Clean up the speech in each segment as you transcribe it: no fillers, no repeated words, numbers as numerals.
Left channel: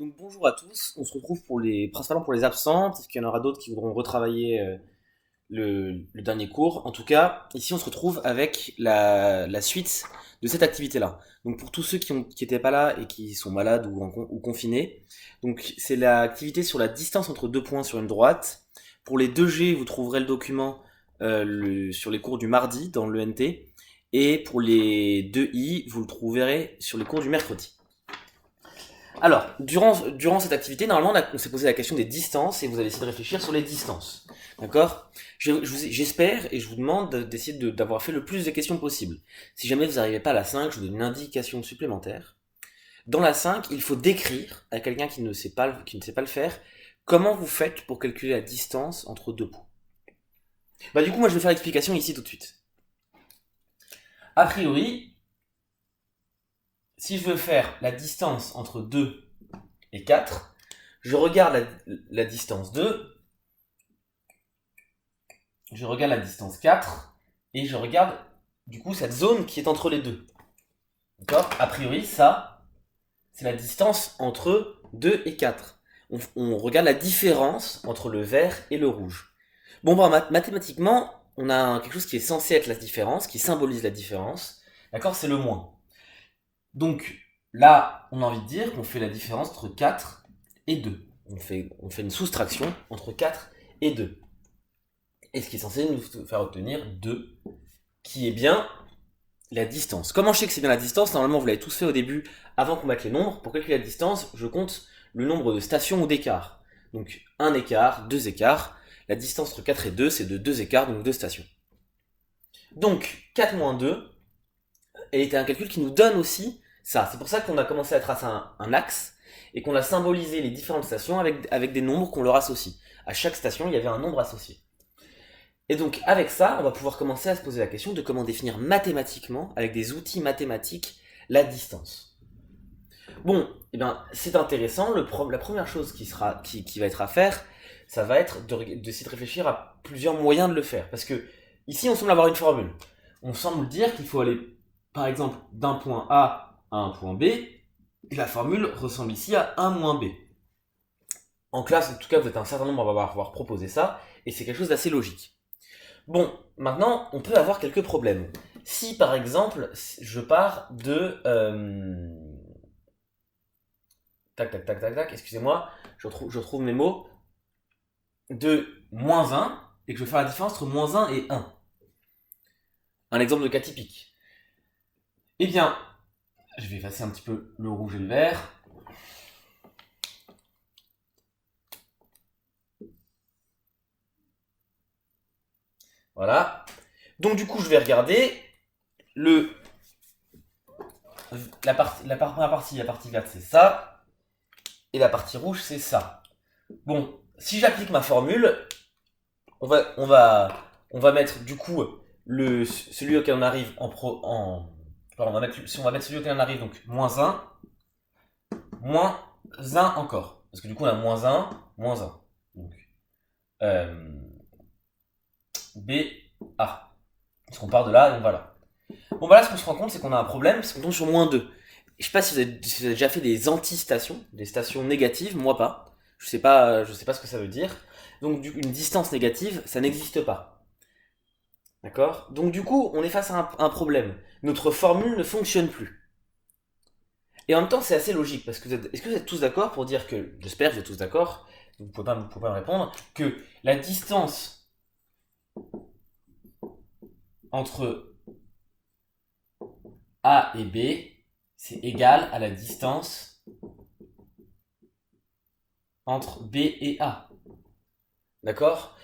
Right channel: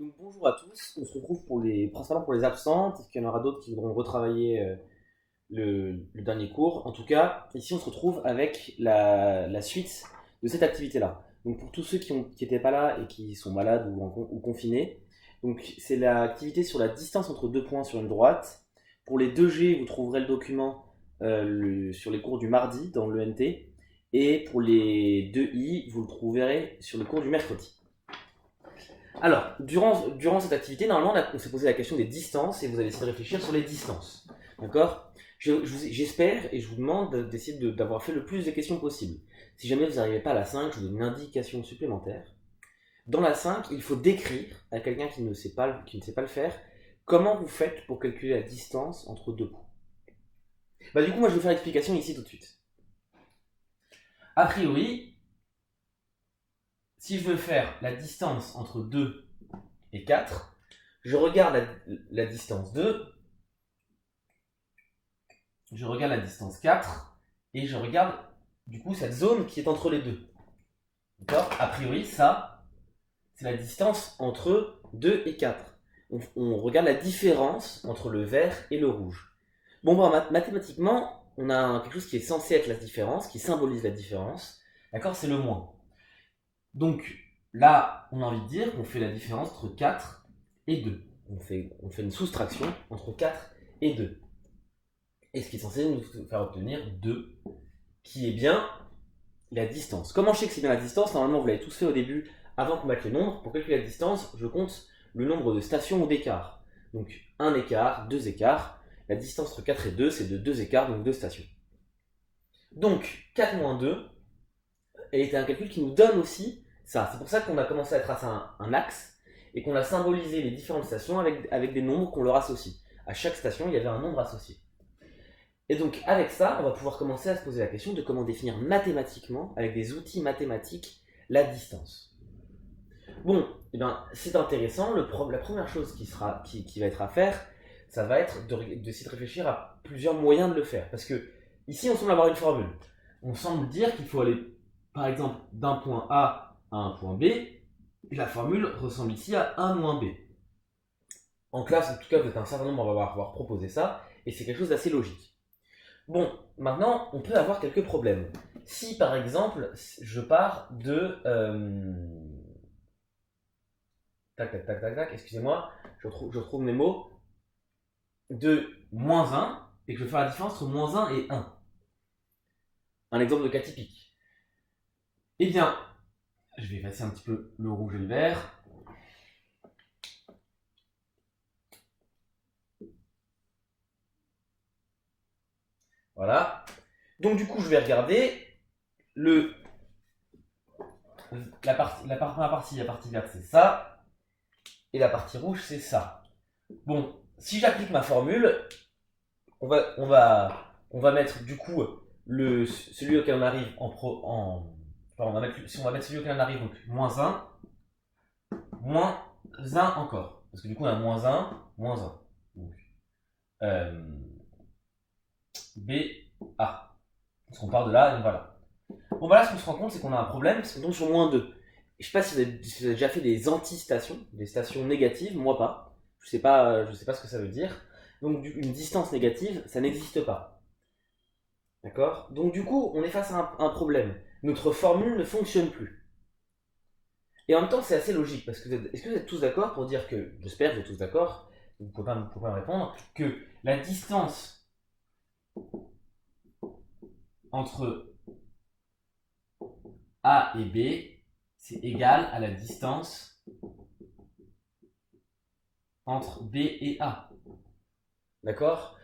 Donc bonjour à tous, on se retrouve principalement pour les absents, peut-être qu'il y en aura d'autres qui voudront retravailler le dernier cours. En tout cas, ici on se retrouve avec la suite de cette activité-là. Donc pour tous ceux qui n'étaient pas là et qui sont malades ou confinés, donc c'est l'activité sur la distance entre deux points sur une droite. Pour les 2G, vous trouverez le document sur les cours du mardi dans l'ENT. Et pour les 2I, vous le trouverez sur les cours du mercredi. Alors, durant cette activité, normalement, on s'est posé la question des distances et vous allez essayer de réfléchir sur les distances. D'accord. J'espère et je vous demande d'essayer d'avoir fait le plus de questions possible. Si jamais vous n'arrivez pas à la 5, je vous donne une indication supplémentaire. Dans la 5, il faut décrire à quelqu'un qui ne sait pas le faire comment vous faites pour calculer la distance entre deux points. Bah, du coup, moi, je vais faire l'explication ici tout de suite. A priori, si je veux faire la distance entre 2 et 4, je regarde la distance 2, je regarde la distance 4, et je regarde du coup cette zone qui est entre les deux. D'accord. A priori, ça, c'est la distance entre 2 et 4. On regarde la différence entre le vert et le rouge. Bon, bah, mathématiquement, on a quelque chose qui est censé être la différence, qui symbolise la différence. D'accord. C'est le moins. Donc là, on a envie de dire qu'on fait la différence entre 4 et 2. On fait une soustraction entre 4 et 2. Et ce qui est censé nous faire obtenir 2, qui est bien la distance. Comment je sais que c'est bien la distance? Normalement, vous l'avez tous fait au début, avant qu'on mette les nombres. Pour calculer la distance, je compte le nombre de stations ou d'écarts. Donc, un écart, deux écarts. La distance entre 4 et 2, c'est de 2 écarts, donc 2 stations. Donc, 4 moins 2 est un calcul qui nous donne aussi ça. C'est pour ça qu'on a commencé à tracer un axe et qu'on a symbolisé les différentes stations avec des nombres qu'on leur associe. À chaque station, il y avait un nombre associé. Et donc avec ça, on va pouvoir commencer à se poser la question de comment définir mathématiquement, avec des outils mathématiques, la distance. Bon, eh bien, c'est intéressant. La première chose qui va être à faire, ça va être d'essayer de réfléchir à plusieurs moyens de le faire. Parce que ici, on semble avoir une formule. On semble dire qu'il faut aller, par exemple, d'un point A à un point B. Et la formule ressemble ici à 1 moins B. En classe, en tout cas, vous êtes un certain nombre à avoir proposé ça. Et c'est quelque chose d'assez logique. Bon, maintenant, on peut avoir quelques problèmes. Si, par exemple, je pars de... tac, tac, tac, tac, tac, excusez-moi, je retrouve mes mots. De moins 1, et que je vais faire la différence entre moins 1 et 1. Un exemple de cas typique. Eh bien, je vais effacer un petit peu le rouge et le vert. Voilà. Donc, du coup, je vais regarder la partie verte, c'est ça. Et la partie rouge, c'est ça. Bon, si j'applique ma formule, on va mettre du coup celui auquel on arrive pardon, on va mettre celui auquel on arrive, donc moins 1 encore. Parce que du coup, on a moins 1, moins 1. Donc, euh, B, A. Parce qu'on part de là et on va là. Bon, bah là, ce qu'on se rend compte, c'est qu'on a un problème, parce qu'on tombe sur moins 2. Je sais pas si vous avez déjà fait des anti-stations, des stations négatives, moi pas. Je sais pas ce que ça veut dire. Donc, une distance négative, ça n'existe pas. D'accord. Donc, du coup, on est face à un problème. Notre formule ne fonctionne plus. Et en même temps, c'est assez logique, parce que est-ce que vous êtes tous d'accord pour dire que, j'espère que vous êtes tous d'accord, vous pouvez pas me répondre, que la distance entre A et B, c'est égal à la distance entre B et A. D'accord.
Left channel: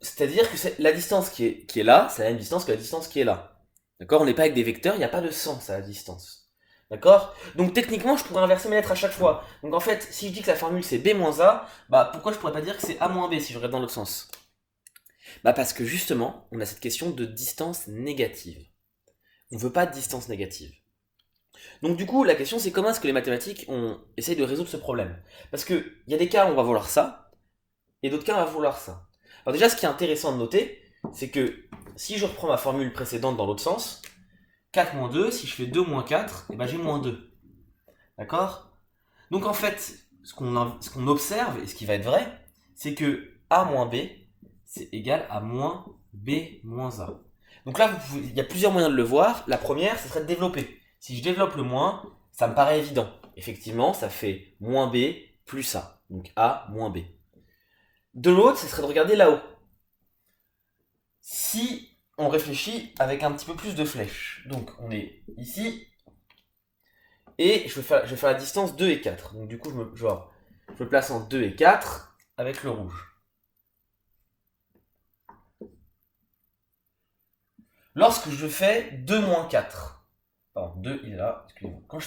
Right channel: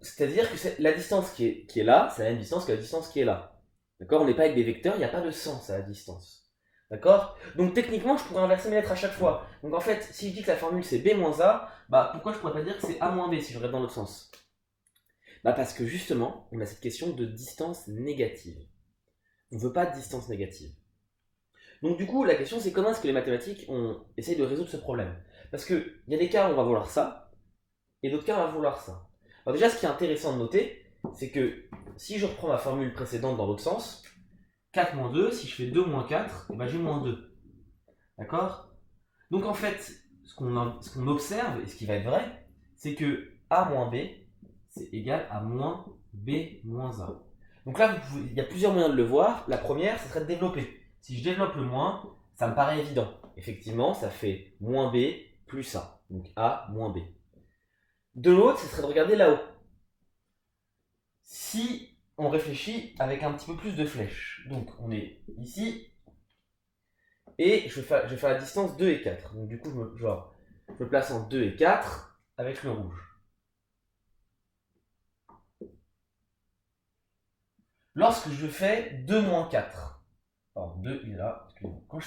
C'est-à-dire que la distance qui est là, c'est la même distance que la distance qui est là. D'accord. On n'est pas avec des vecteurs, il n'y a pas de sens à la distance. D'accord. Donc techniquement, je pourrais inverser mes lettres à chaque fois. Donc en fait, si je dis que la formule c'est B moins A, bah pourquoi je pourrais pas dire que c'est A moins B si je regarde dans l'autre sens? Bah parce que justement, on a cette question de distance négative. On ne veut pas de distance négative. Donc du coup, la question c'est comment est-ce que les mathématiques essayent de résoudre ce problème? Parce qu'il y a des cas où on va vouloir ça, et d'autres cas on va vouloir ça. Alors déjà, ce qui est intéressant de noter, c'est que si je reprends ma formule précédente dans l'autre sens, 4 moins 2, si je fais 2 moins 4, et ben j'ai moins 2. D'accord. Donc en fait, ce qu'on observe, et ce qui va être vrai, c'est que A moins B, c'est égal à moins B moins A. Donc là, il y a plusieurs moyens de le voir. La première, ce serait de développer. Si je développe le moins, ça me paraît évident. Effectivement, ça fait moins B plus A. Donc A moins B. De l'autre, ce serait de regarder là-haut. Si on réfléchit avec un petit peu plus de flèches. Donc on est ici. Et je vais faire la distance 2 et 4. Donc du coup, je me place en 2 et 4 avec le rouge. Lorsque je fais 2 moins 4, pardon, 2 il est là, excusez-moi. Quand je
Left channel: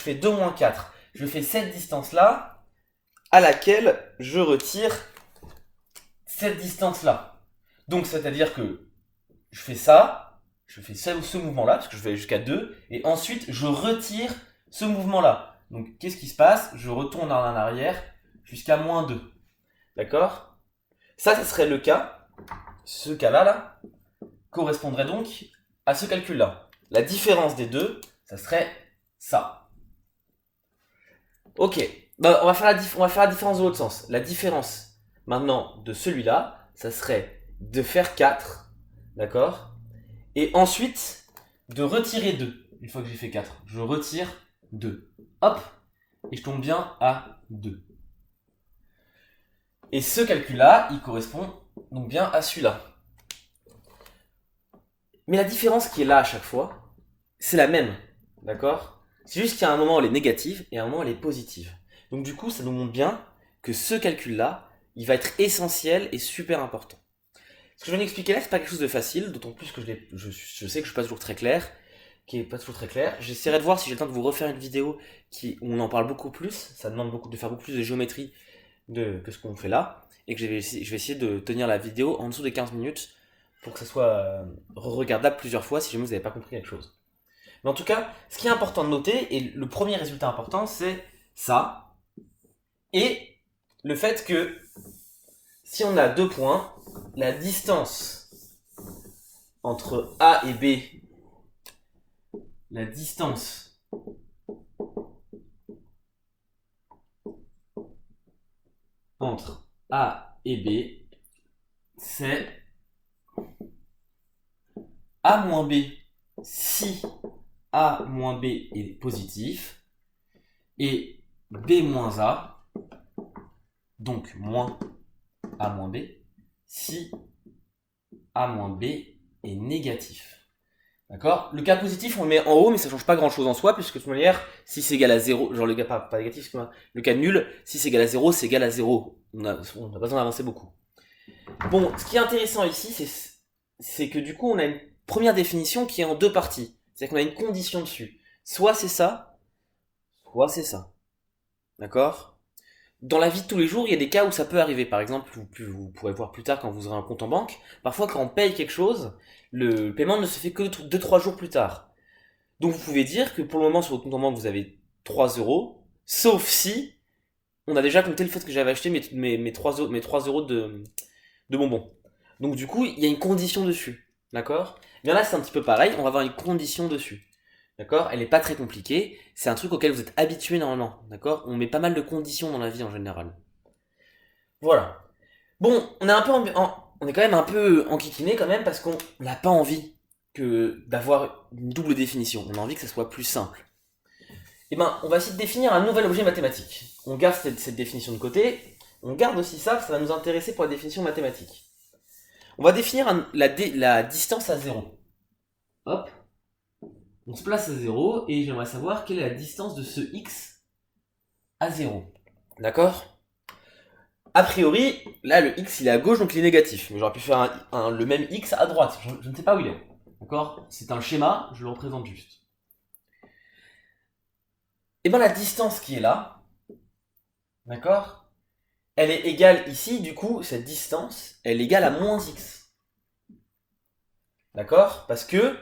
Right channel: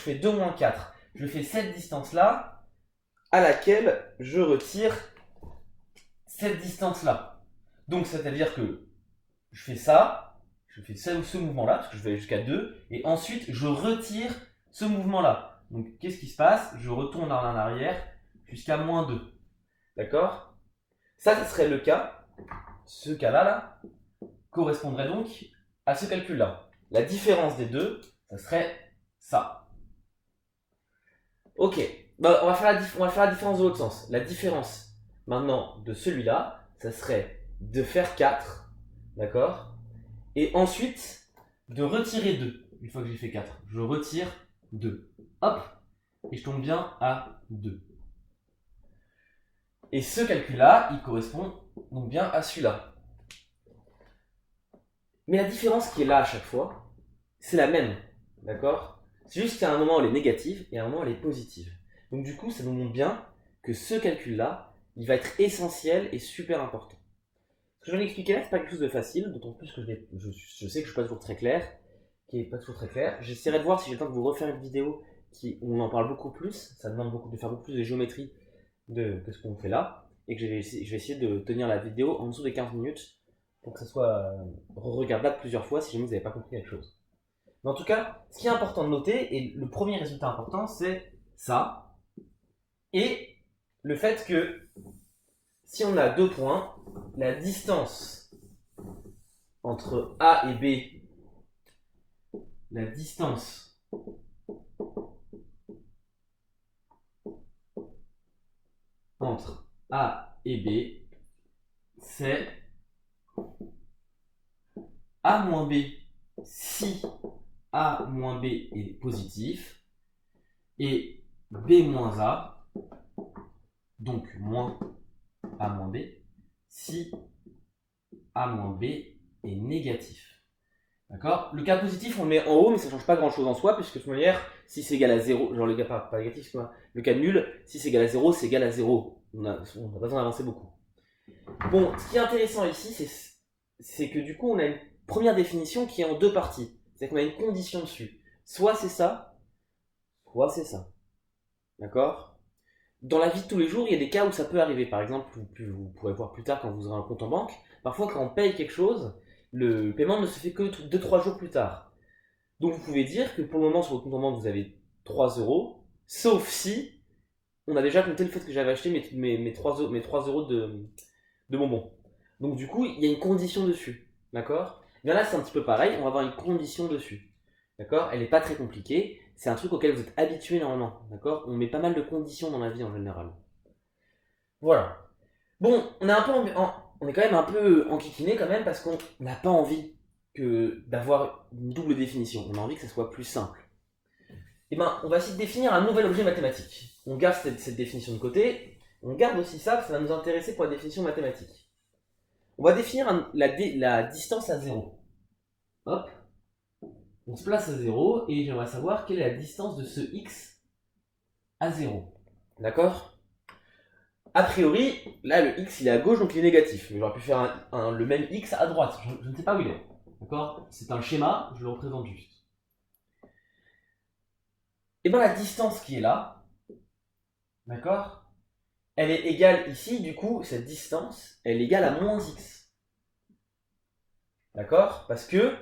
fais 2 moins 4, je fais cette distance-là, à laquelle je retire cette distance-là. Donc c'est-à-dire que je fais ça, je fais ce mouvement-là, parce que je vais jusqu'à 2, et ensuite je retire ce mouvement-là. Donc qu'est-ce qui se passe? Je retourne en arrière jusqu'à moins 2. D'accord? Ça, ce serait le cas. Ce cas-là, là, correspondrait donc à ce calcul-là. La différence des deux, ça serait ça. Ok, bah, on va faire la différence de l'autre sens. La différence maintenant de celui-là, ça serait de faire 4, d'accord? Et ensuite, de retirer 2. Une fois que j'ai fait 4, je retire 2. Hop, et je tombe bien à 2. Et ce calcul-là, il correspond donc bien à celui-là. Mais la différence qui est là à chaque fois, c'est la même, d'accord? C'est juste qu'il y a un moment où elle est négative et un moment où elle est positive. Donc du coup, ça nous montre bien que ce calcul-là, il va être essentiel et super important. Ce que je viens d'expliquer là, c'est pas quelque chose de facile, d'autant plus que je sais que je suis pas toujours très clair, J'essaierai de voir si j'ai le temps de vous refaire une vidéo où on en parle beaucoup plus. Ça demande de faire beaucoup plus de géométrie que ce qu'on fait là. Et que je vais essayer de tenir la vidéo en dessous des 15 minutes pour que ça soit regardable plusieurs fois si jamais vous n'avez pas compris quelque chose. Mais en tout cas, ce qui est important de noter, et le premier résultat important, c'est ça. Et le fait que si on a 2 points, la distance entre A et B, la distance entre A et B, c'est A moins B si A moins B est positif et B moins A, donc moins A moins B, si A moins B est négatif. D'accord? Le cas positif, on le met en haut, mais ça ne change pas grand chose en soi, puisque de toute manière, si c'est égal à 0, genre le cas pas négatif, le cas nul, si c'est égal à 0, c'est égal à 0. On n'a pas besoin d'avancer beaucoup. Bon, ce qui est intéressant ici, c'est que du coup, on a une première définition qui est en 2 parties. C'est-à-dire qu'on a une condition dessus. Soit c'est ça, soit c'est ça. D'accord? Dans la vie de tous les jours, il y a des cas où ça peut arriver. Par exemple, vous pourrez voir plus tard quand vous aurez un compte en banque. Parfois, quand on paye quelque chose, le paiement ne se fait que 2-3 jours plus tard. Donc vous pouvez dire que pour le moment sur votre compte en banque vous avez 3 euros, sauf si on a déjà compté le fait que j'avais acheté mes 3 euros de bonbons. Donc du coup il y a une condition dessus, d'accord? Bien là c'est un petit peu pareil, on va avoir une condition dessus, d'accord? Elle n'est pas très compliquée, c'est un truc auquel vous êtes habitué normalement, d'accord? On met pas mal de conditions dans la vie en général. Voilà. Bon, on est quand même un peu enquiquiné quand même parce qu'on n'a pas envie d'avoir une double définition. On a envie que ça soit plus simple. Eh ben, on va essayer de définir un nouvel objet mathématique. On garde cette définition de côté. On garde aussi ça, ça va nous intéresser pour la définition mathématique. On va définir la distance à 0. Hop. On se place à 0 et j'aimerais savoir quelle est la distance de ce x à 0. D'accord? A priori, là le x il est à gauche donc il est négatif. Mais j'aurais pu faire le même x à droite. Je ne sais pas où il est. D'accord? C'est un schéma, je le représente juste. Et bien la distance qui est là, d'accord? Elle est égale ici, du coup, cette distance, elle est égale à moins x. D'accord? Parce que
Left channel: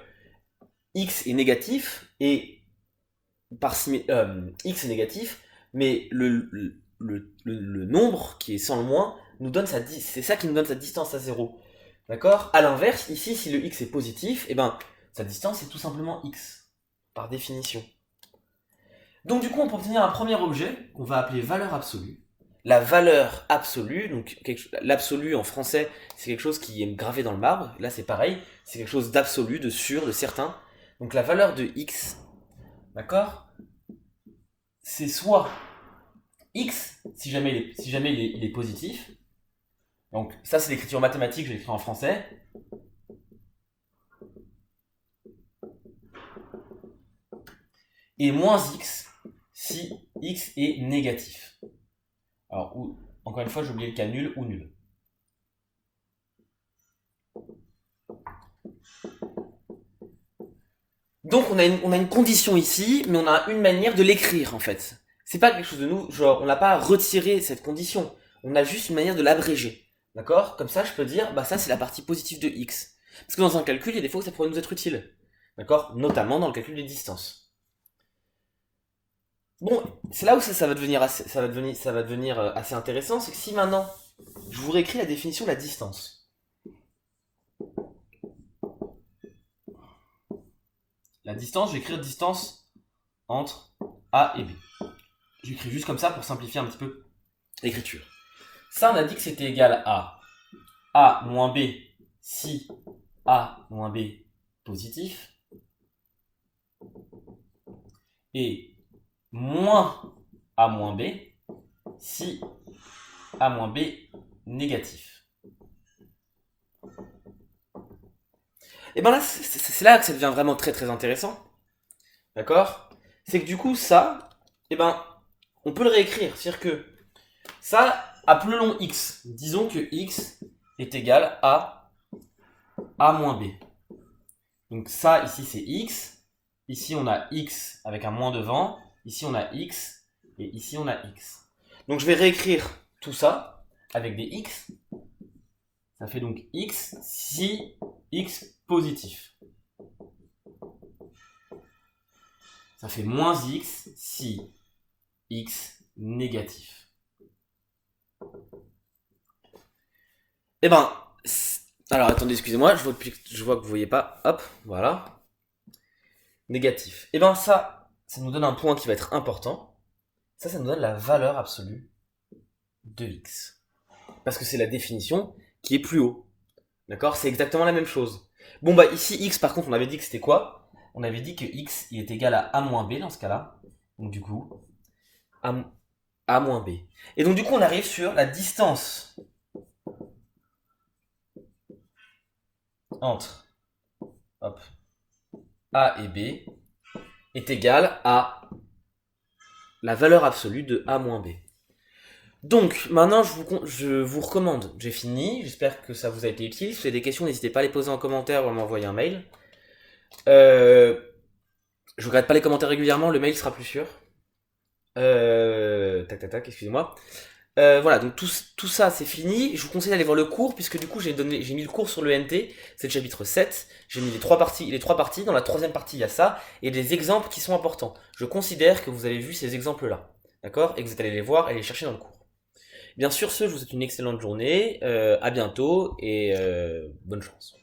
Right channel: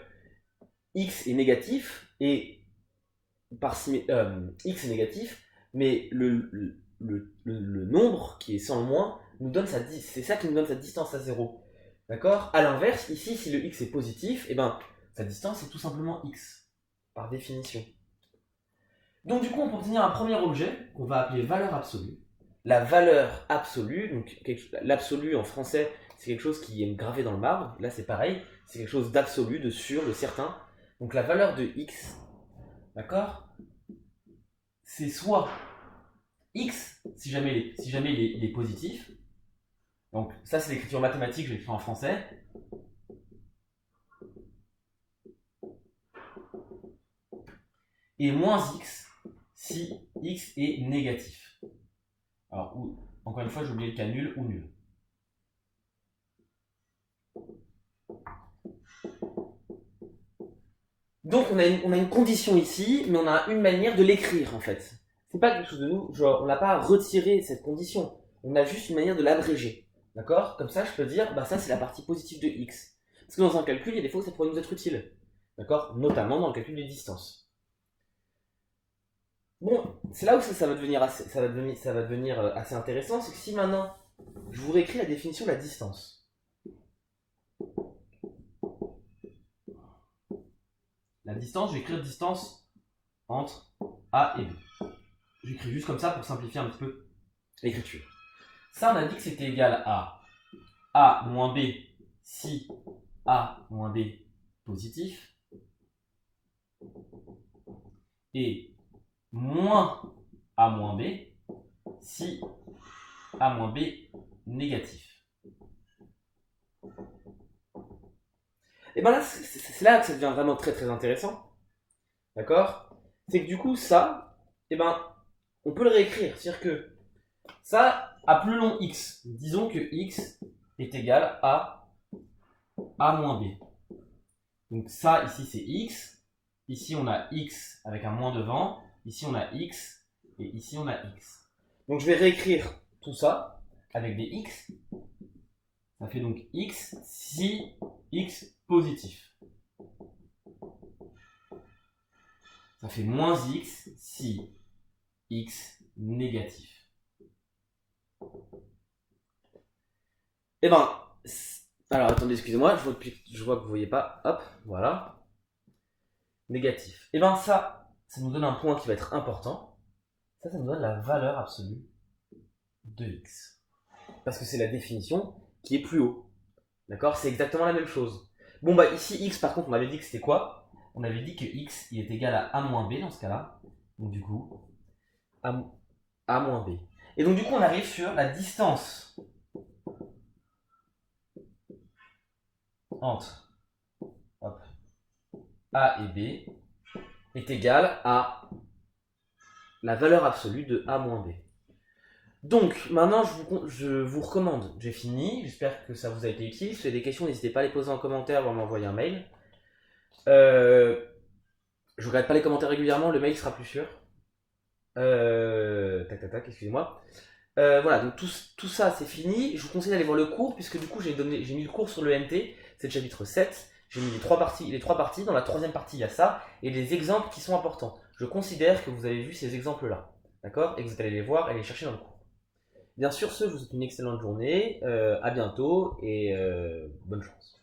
x est négatif et x est négatif, mais le nombre qui est sans le moins nous donne c'est ça qui nous donne sa distance à 0. D'accord? A l'inverse, ici, si le x est positif, et ben sa distance est tout simplement x, par définition. Donc du coup, on peut obtenir un premier objet qu'on va appeler valeur absolue. La valeur absolue, donc l'absolu en français, c'est quelque chose qui est gravé dans le marbre. Là, c'est pareil, c'est quelque chose d'absolu, de sûr, de certain. Donc la valeur de x, d'accord, c'est soit x, si jamais il est positif. Donc ça, c'est l'écriture mathématique, je l'écris en français. Et moins x, si x est négatif. Alors, encore une fois, j'ai oublié le cas nul ou nul. Donc, on a une condition ici, mais on a une manière de l'écrire, en fait. C'est pas quelque chose de nous, genre, on n'a pas retiré cette condition. On a juste une manière de l'abréger. D'accord? Comme ça, je peux dire, bah ça, c'est la partie positive de x. Parce que dans un calcul, il y a des fois où ça pourrait nous être utile. D'accord? Notamment dans le calcul des distances. Bon, c'est là où ça va devenir assez intéressant, c'est que si maintenant, je vous réécris la définition de la distance. La distance, je vais écrire distance entre A et B. J'écris juste comme ça pour simplifier un petit peu l'écriture. Ça, on a dit que c'était égal à A moins B si A moins B positif et moins A moins B si A moins B négatif. Et bien là, c'est là que ça devient vraiment très très intéressant. D'accord? C'est que du coup, ça, et ben, on peut le réécrire. C'est-à-dire que ça, appelons x. Disons que x est égal à A moins B. Donc ça, ici, c'est x. Ici, on a x avec un moins devant. Ici, on a x. Et ici, on a x. Donc je vais réécrire tout ça avec des x. Ça fait donc x si x positif. Ça fait moins x si x négatif. Eh ben, alors attendez, excusez-moi, je vois que vous voyez pas. Hop, voilà. Négatif. Eh ben ça nous donne un point qui va être important. Ça nous donne la valeur absolue de x. Parce que c'est la définition qui est plus haut. D'accord? C'est exactement la même chose. Bon bah ici x par contre on avait dit que c'était quoi? On avait dit que x il est égal à a moins b dans ce cas-là. Donc du coup, a moins b. Et donc du coup on arrive sur la distance entre hop, a et b est égale à la valeur absolue de a moins b. Donc maintenant je vous recommande, j'ai fini, j'espère que ça vous a été utile. Si vous avez des questions, n'hésitez pas à les poser en commentaire ou à m'envoyer un mail. Je regarde pas les commentaires régulièrement, le mail sera plus sûr. Tac, excusez-moi. Voilà, donc tout ça c'est fini. Je vous conseille d'aller voir le cours, puisque du coup j'ai mis le cours sur le NT, c'est le chapitre 7. J'ai mis les trois parties. Dans la troisième partie, il y a ça, et des exemples qui sont importants. Je considère que vous avez vu ces exemples-là, d'accord? Et que vous êtes allé les voir et les chercher dans le cours. Bien sûr, je vous souhaite une excellente journée, à bientôt, et bonne chance.